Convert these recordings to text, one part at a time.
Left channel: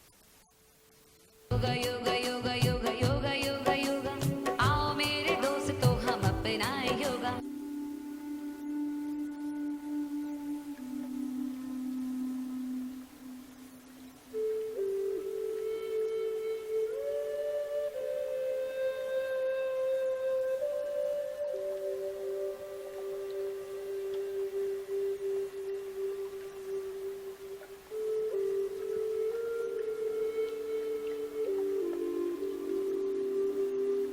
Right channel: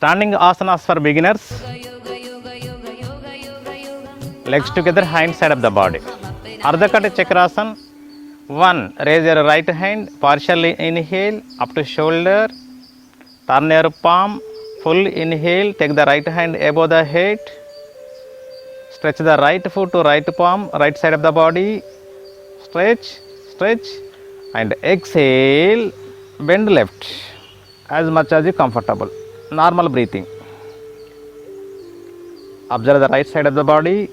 Standing asanas for beginners. Legs together, hand side of the body. Ardha Kata Chakrasana. 1. Raise your right hand, partially inhale up to shoulder. Turn your palm, full inhale, take the right hand above the head. Stretch the right foot to right palm, right side of the body. Stretch, stretch, and exhale. Bend left as much as you comfortable. Normal breathing. Observe the right side of the body.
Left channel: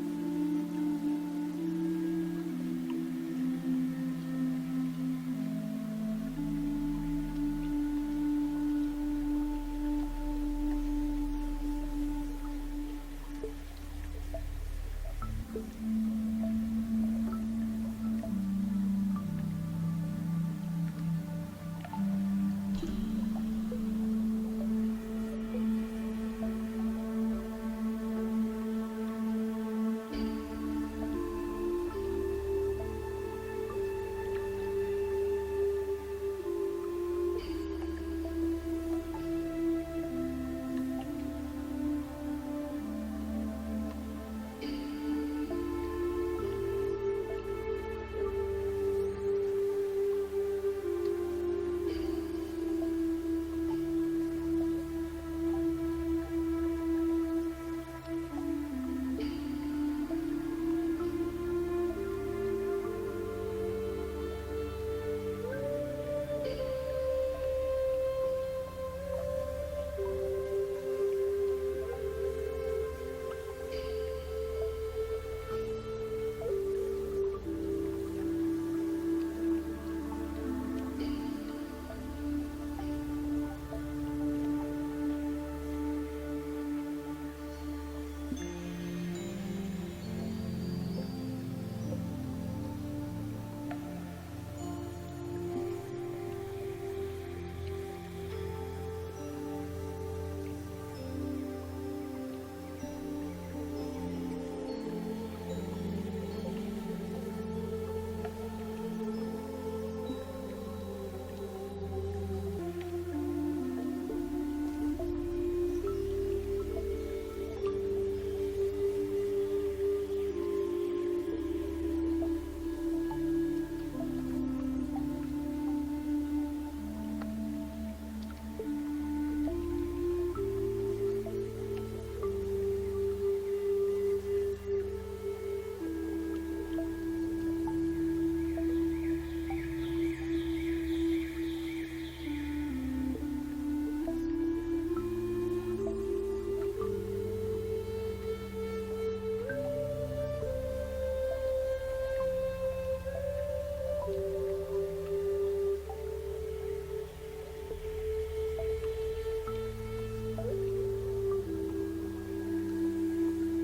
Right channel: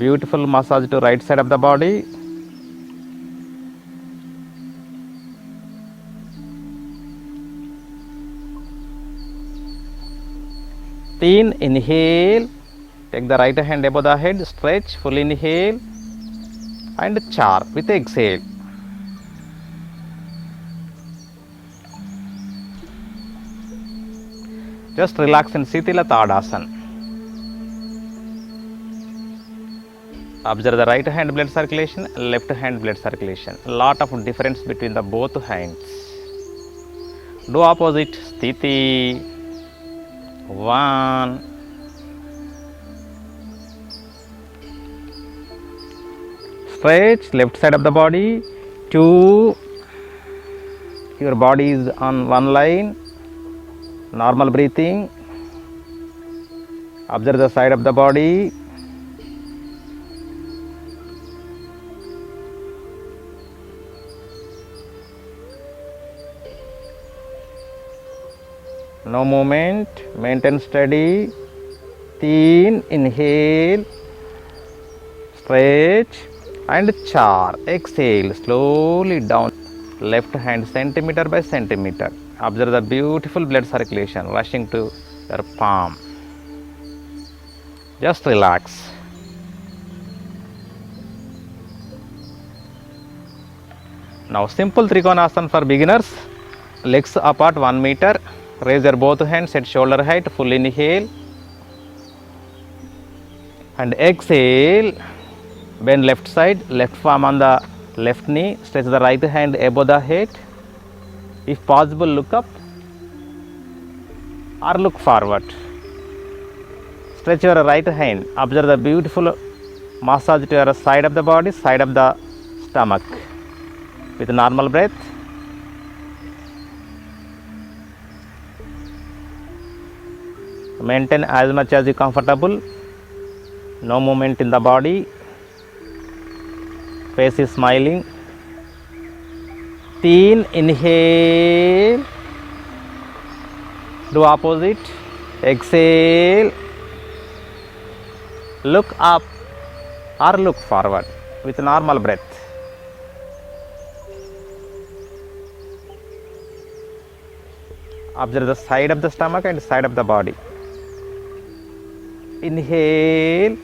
Beautiful massage to right side of the body. Teen, inhale. Take the right hand above the head. Stretch, full inhale. And char with exhale. Just relax in Sitila Tadasana. Observe the right hand blood circulation, left hand blood circulation. Lot of difference between the both hands. Do opposite. Sthiti. 1. Stretch left side of the body. 2. Your body is on one line. Normal breathing. Observe the side of the body. No movement, maintain steady. 3. Inhale, stretch and char. Exhale, slowly down. Left hand centimeter by centimeter. Observe the beautiful blood circulation rushing to your palm. Just relax. Now simple Trikonasana for beginners. Legs apart 1 meter. Raise your both hands at shoulder height, full inhale and exhale. Bend left side, left palm on the left knee, stretch the right hand above the head. If possible, look up or look forward. Stretch your right hand, observe the beautiful massage to your side of the body, side of the stomach with normal breath. Maintain as much as you comfortable. No movement in the body. Face is smiling. 3. Inhale. Do opposite. Exhale. Look up or look forward with normal breath. Observe the side of the stomach and side of the body. Inhale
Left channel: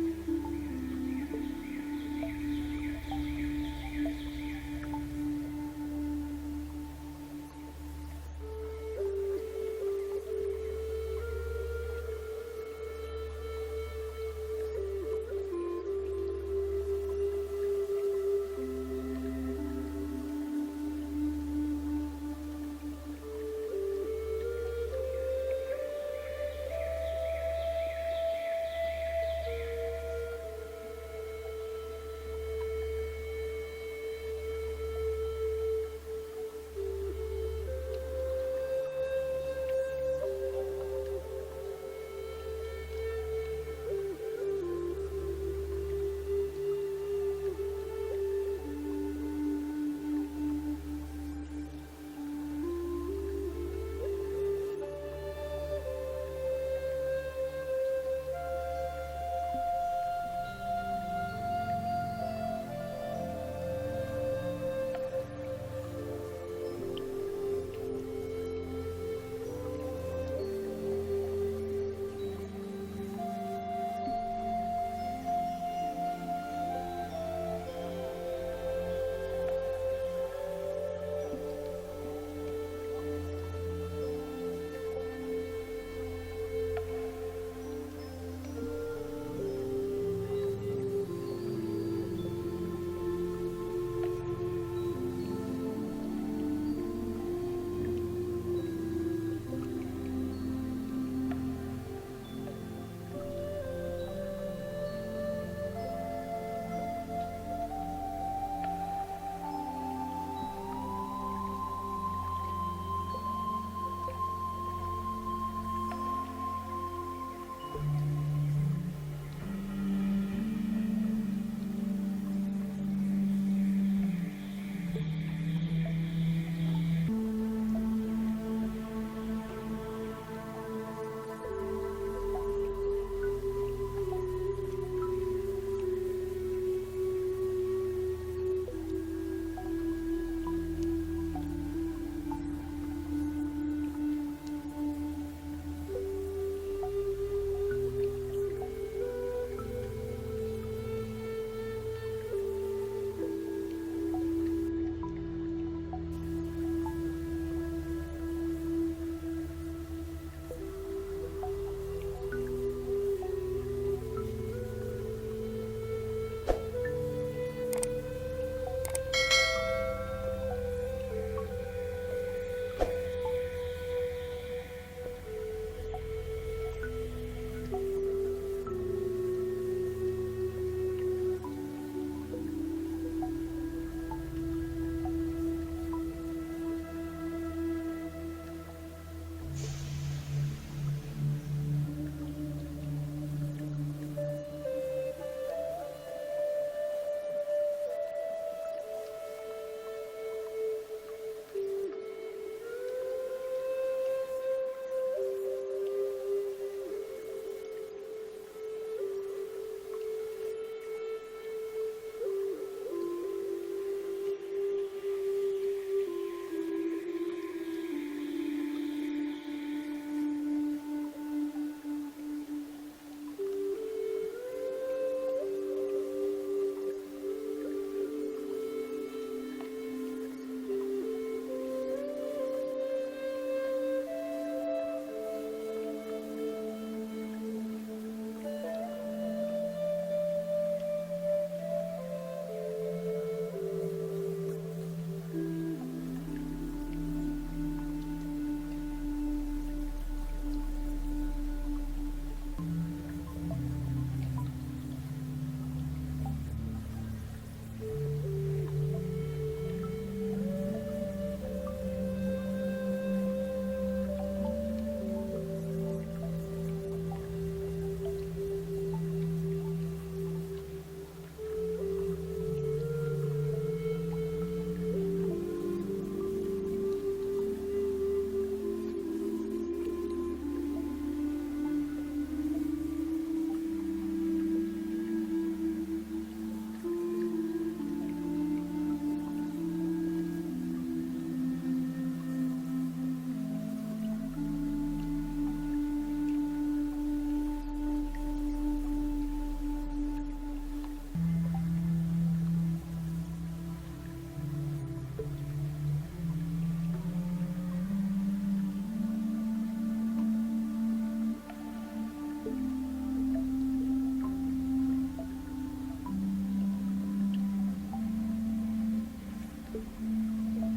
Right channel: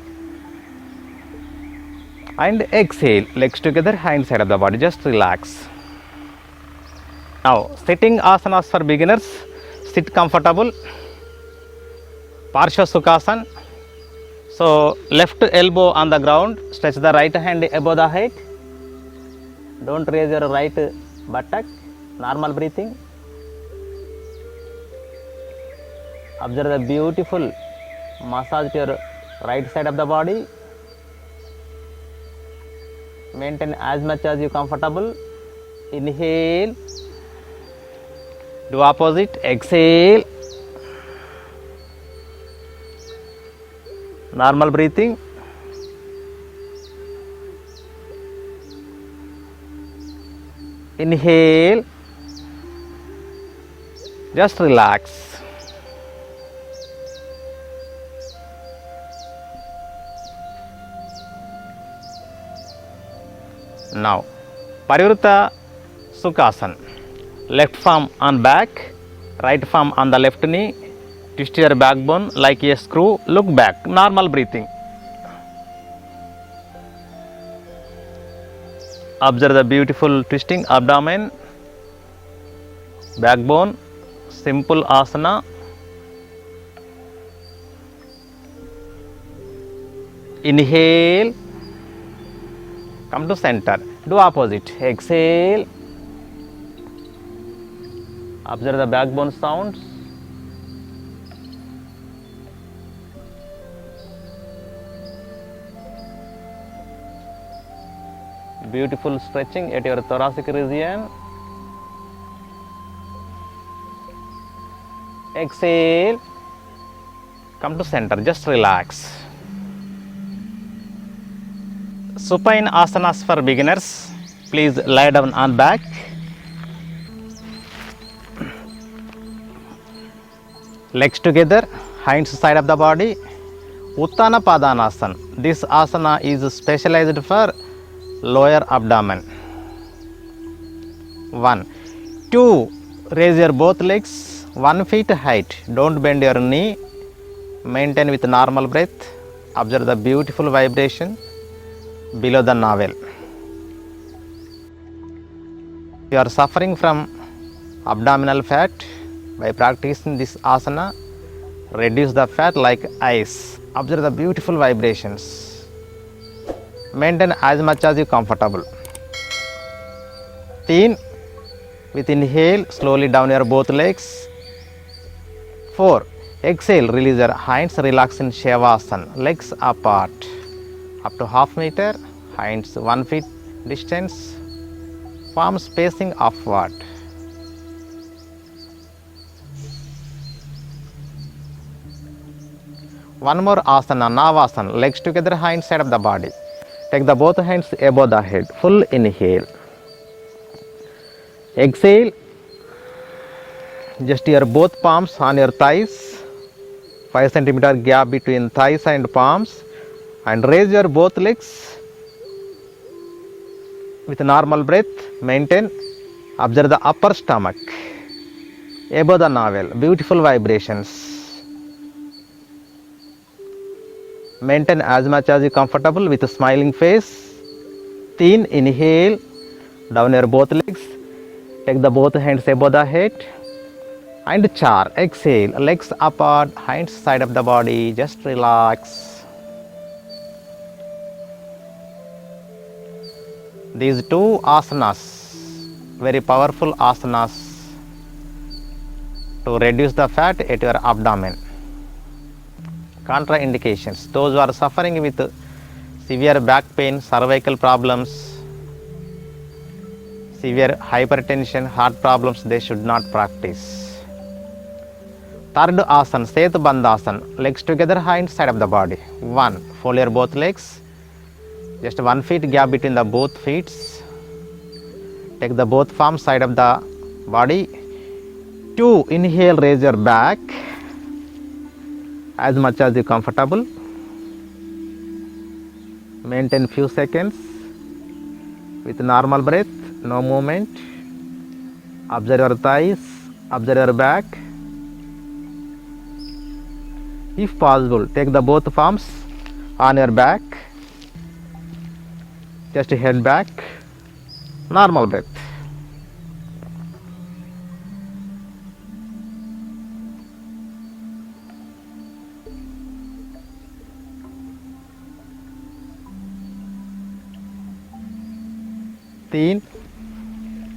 and exhale. Legs together, hand side of the body. Just relax. Now sitting asanas for beginners. Sit comfortable. Parsha Sukhasana. So left elbow on the ground. Stretch the right hand above the head. Don't raise your right buttock. Normal breathing. Observe the beautiful massage to your right side of the body. Maintain as much as you comfortable. Inhale. Do opposite. Exhale. Normal breathing. Inhale. Just relax. Now, Parivritta Sukhasana. Left palm on back, right palm on the left knee. Twist your backbone like a screw. Look back. Normal breathing. Observe the beautiful twisting abdomen, backbone. Simple asana. Inhale Come to center. Do opposite. Exhale. Observe the backbone sounds. Beautiful stretching at your thoracic region. Exhale. Come to center. Just relax. Supine asanas for beginners. Please lie down on back. Legs together, hands side of the body. Uttana Padanasana. This asana is specialized for lower abdomen. 1. 2. Raise your both legs 1 feet height. Don't bend your knee. Maintain with normal breath. Observe the beautiful vibration below the navel. If you are suffering from abdominal fat, by practicing this asana, reduce the fat like ice. Observe the beautiful vibrations. Maintain as much as you comfortable. 3. With inhale, slowly down your both legs. 4. Exhale, release your hands, relax in Shavasana. Legs apart. Up to half meter, hands 1 feet distance, palms facing upward. One more asana, Navasana. Legs together, hands side of the body. Take the both hands above the head. Full inhale. Exhale. Just your both palms on your thighs. 5 centimeter gap between thighs and palms. And raise your both legs. With normal breath, maintain. Observe the upper stomach. Above the navel. Beautiful vibrations. Maintain as much as you comfortable with a smiling face. 3. Inhale, down your both legs. Take the both hands above the head. And 4. Exhale, legs apart, hands side of the body. Just relax. These 2 asanas, very powerful asanas to reduce the fat at your abdomen. Contraindications: those who are suffering with severe back pain, cervical problems, severe hypertension, heart problems, they should not practice. 3rd asana, Setu Bandhasana. Legs together, hands side of the body. 1. Fold your both legs. Just 1 feet gap between the both feet. Take the both palms side of the body. 2. Inhale, raise your back as much as you comfortable. Maintain few seconds with normal breath, no movement. Observe your thighs, observe your back. If possible, take the both palms on your back. Just head back, normal breath.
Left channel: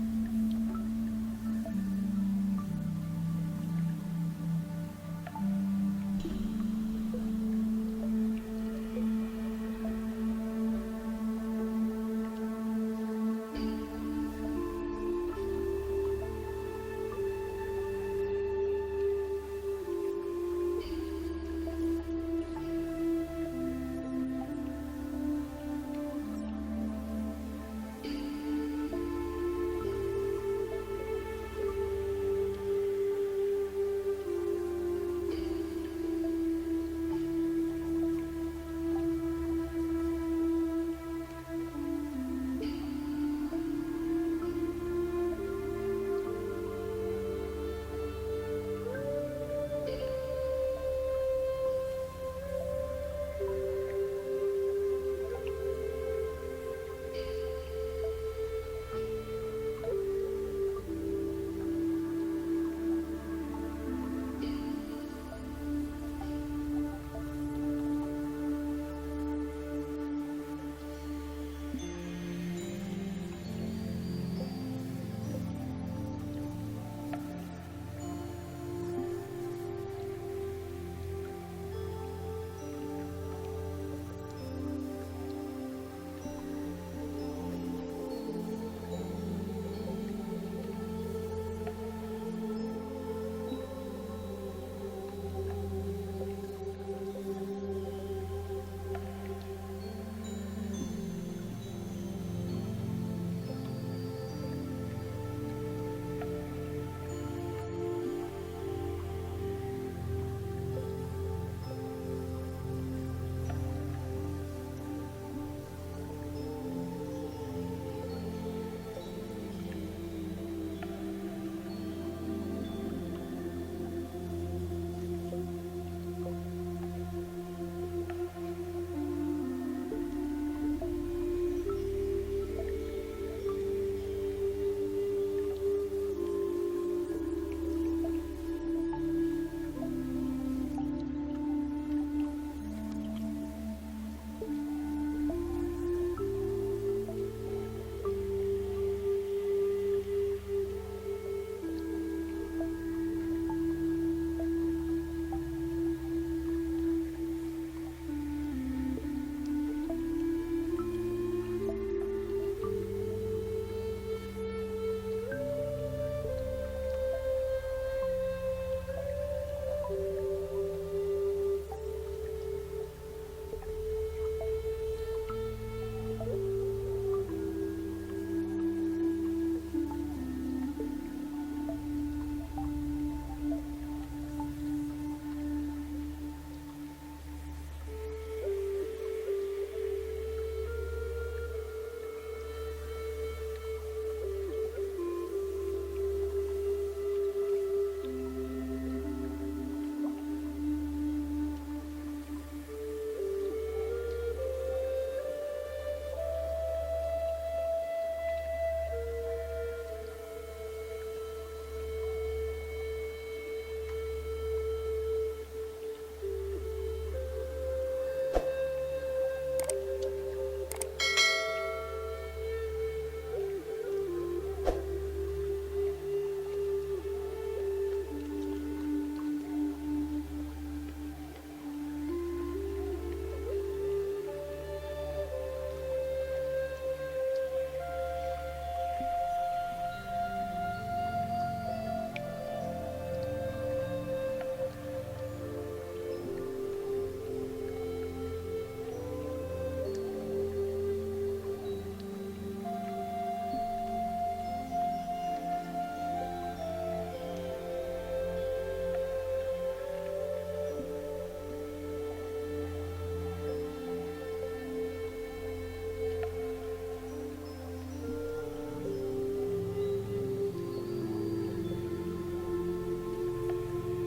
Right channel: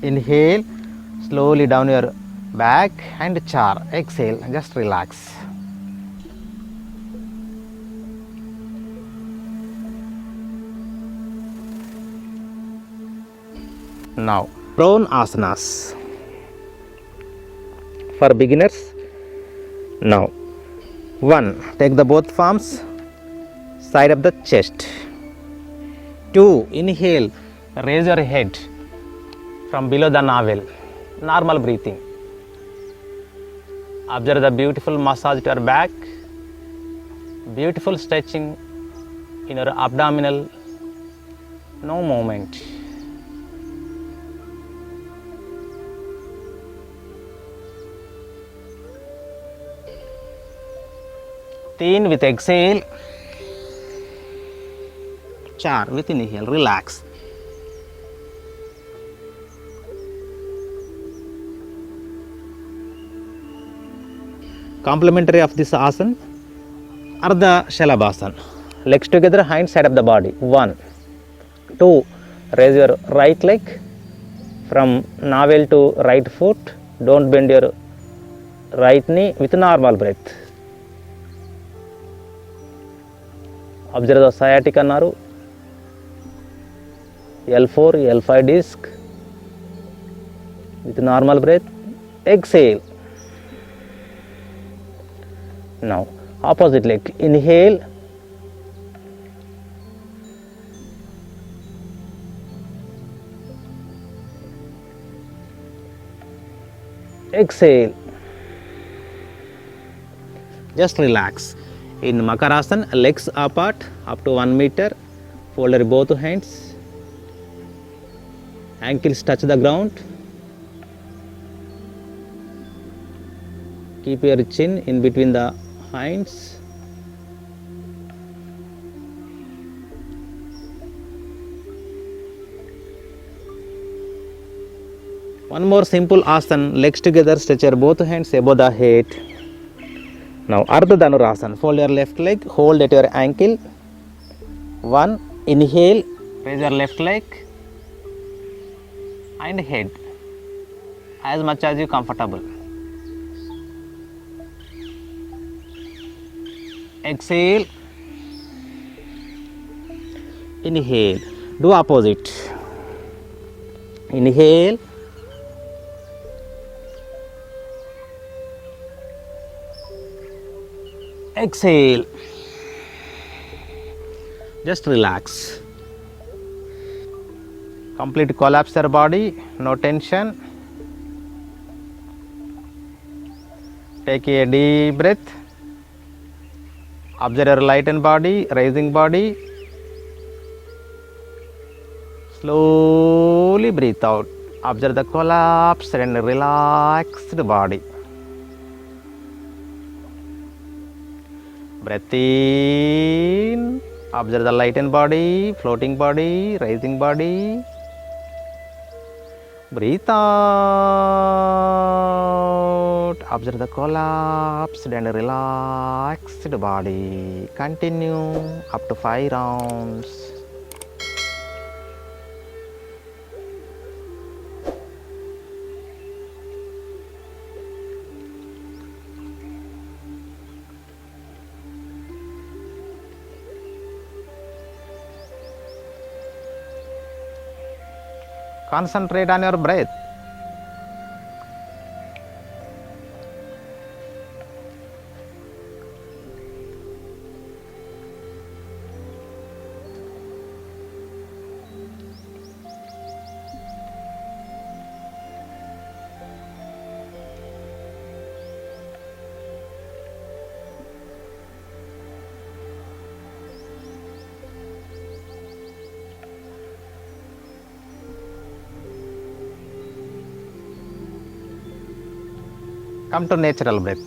Inhale, slowly down your back, and 4. Exhale, just relax. Now, prone asanas for beginners. Now, 1. Take the both palms side of the chest. 2. Inhale, raise your head from below the navel. Normal breathing. Observe the beautiful massage to your back. Beautiful stretching in your abdominal. No movement. With exhale. 4 with inhale. Relax. Complementary of this asana, Ardha Shalabhasana. Legs together, hands side of the body. 1. 2. Raise your right leg from navel to right foot. Don't bend your right knee with normal breath. Observe the sciatica nerve, L4, L5 disc with normal breath. Exhale. Now opposite leg. Inhale. Exhale. Just relax. In Makarasana, legs apart up to 1 meter. Fold both hands. Ankles touch the ground. Keep your chin in between the hands. One more simple asana, legs together, stretch your both hands above the head. Now Ardha Dhanurasana, fold your left leg, hold at your ankle. 1, inhale, raise your left leg and head as much as you comfortable. Exhale, inhale, do opposite. Inhale, exhale, just relax. Complete collapse your body, no tension. Take a deep breath. Observe your lightened body, rising body. Slowly breathe out. Observe the collapsed and relaxed body. Breath in. Observe the lightened body, floating body, rising body. Breathe out. Observe the collapsed and relaxed body. Continue up to 5 rounds. Concentrate on your breath. Come to natural breath.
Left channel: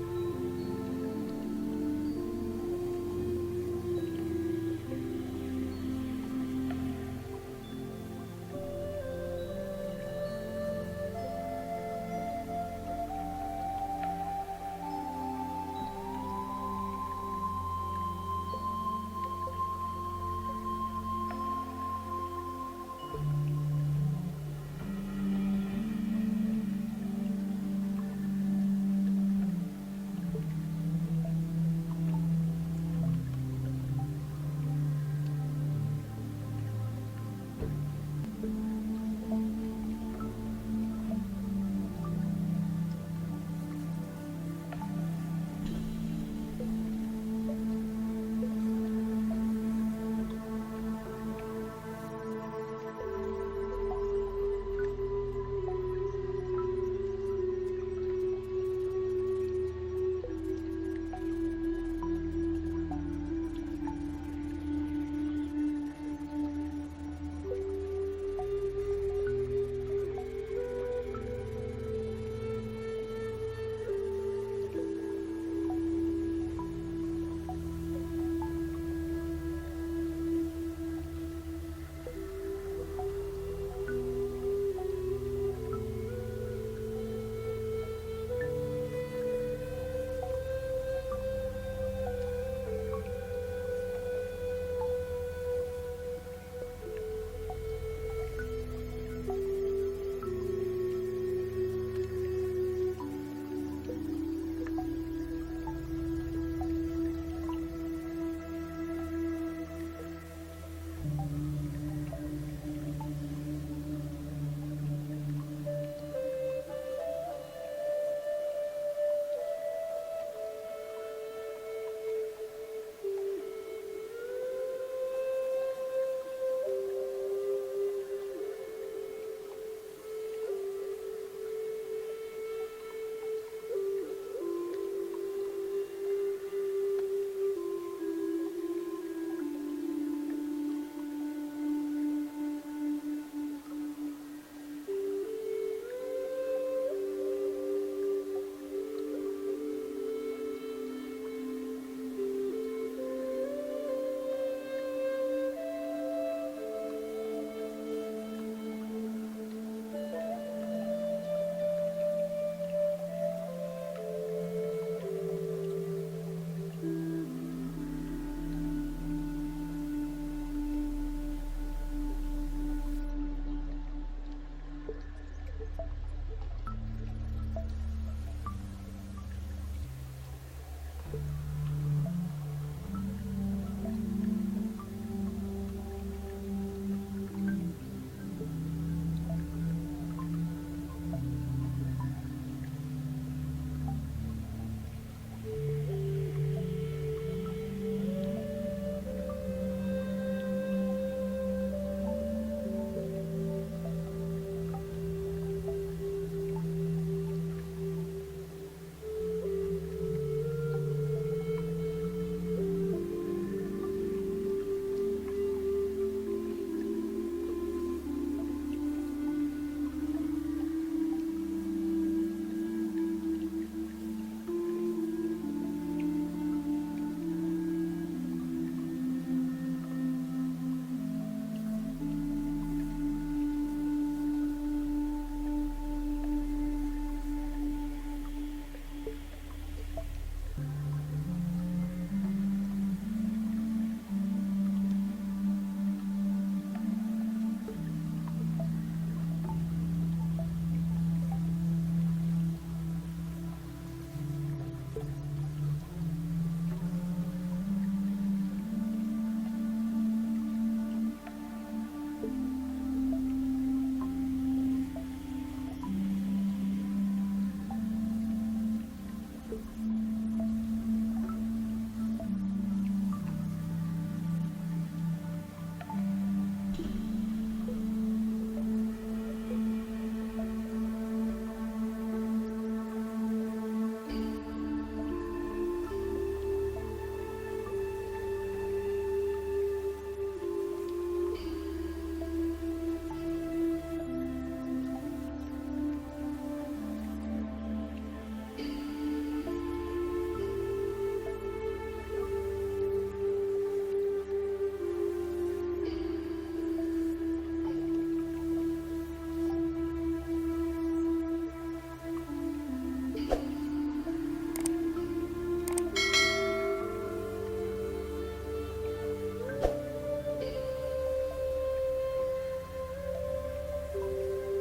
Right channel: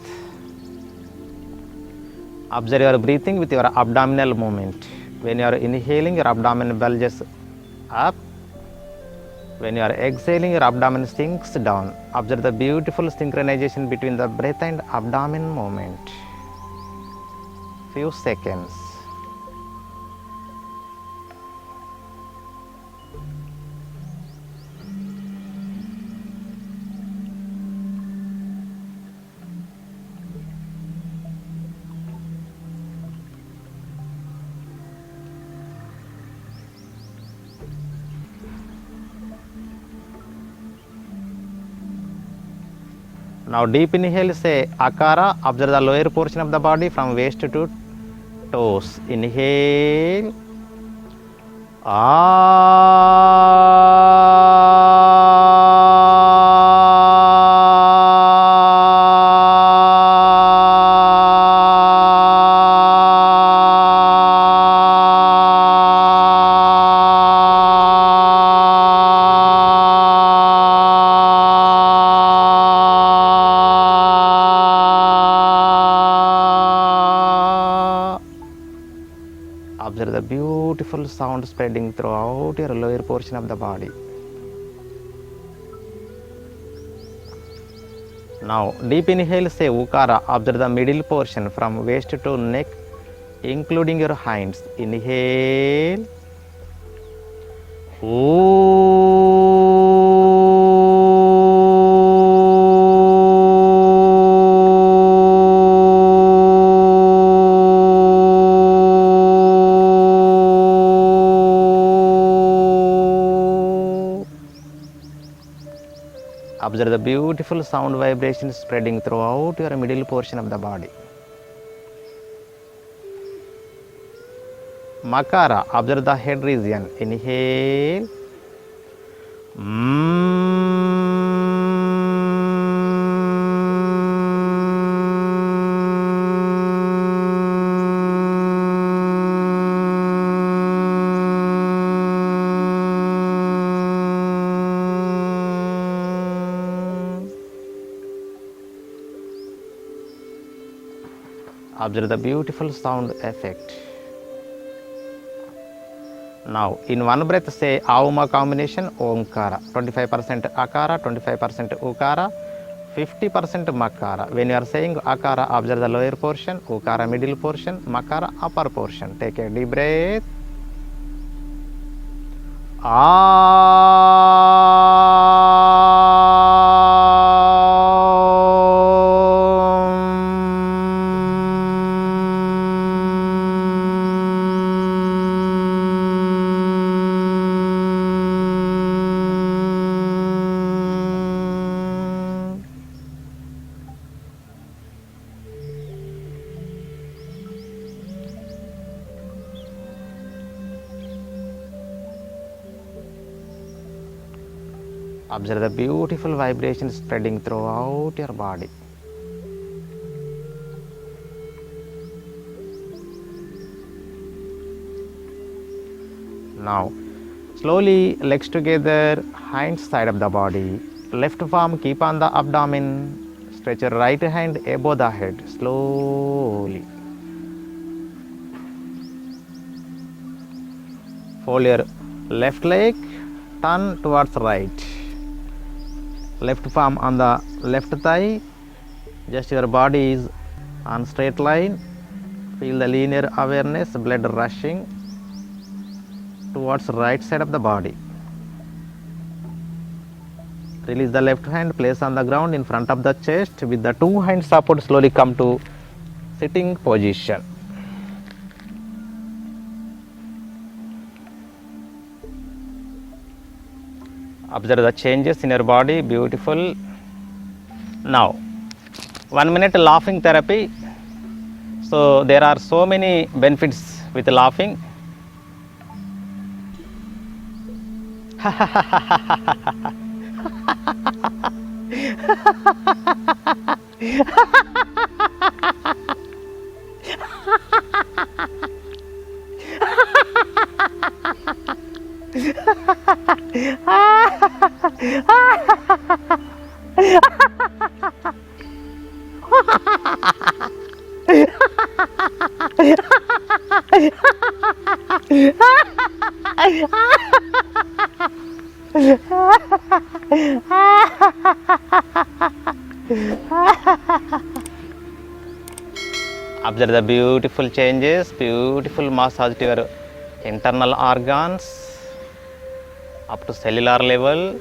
Observe your breathing with your abdominal movement. When you are inhaling, your abdomen bulges up. When you are exhaling, your abdomen sinks down. Observe the beautiful synchronization between the breath and abdomen movement. Few seconds. Now deep inhale, say Akara. Observe the lower portion of the body from waist to toes. Inhale. Observe the beautiful sound spreading throughout your lower portion of the body. Now deep inhale, say Ukara. Observe the middle portion from waist to neck, including your hands. Inhale. Observe the beautiful sound vibrations spreading throughout your middle portion of the body. Makara, observe the head region. Inhale. Observe the beautiful sound effect. Now, in one breath, say Auma combination Omkara. 25% Akara, 25% Ukara, 50% Makara. When you are saying Akara, observe the lower portion, Ukara middle portion, Makara upper portion. Take a deep breath. Observe the beautiful vibrations spreading throughout your body. Now, slowly legs together, hands side of the body. Left palm keep on the abdomen. Stretch your right hand above the head. Slowly. Fold your left leg, turn towards right. Left palm on the left thigh, just your body is on straight line. Feel the linear awareness, blood rushing towards right side of the body. Release the left hand, place on the ground in front of the chest. With the two hands support, slowly come to sitting position. Observe the changes in your body, beautiful. Now, 1 minute laughing therapy. So, there are so many benefits with laughing. Observe the beautiful changes, beautiful massage to your internal organs up to cellular level.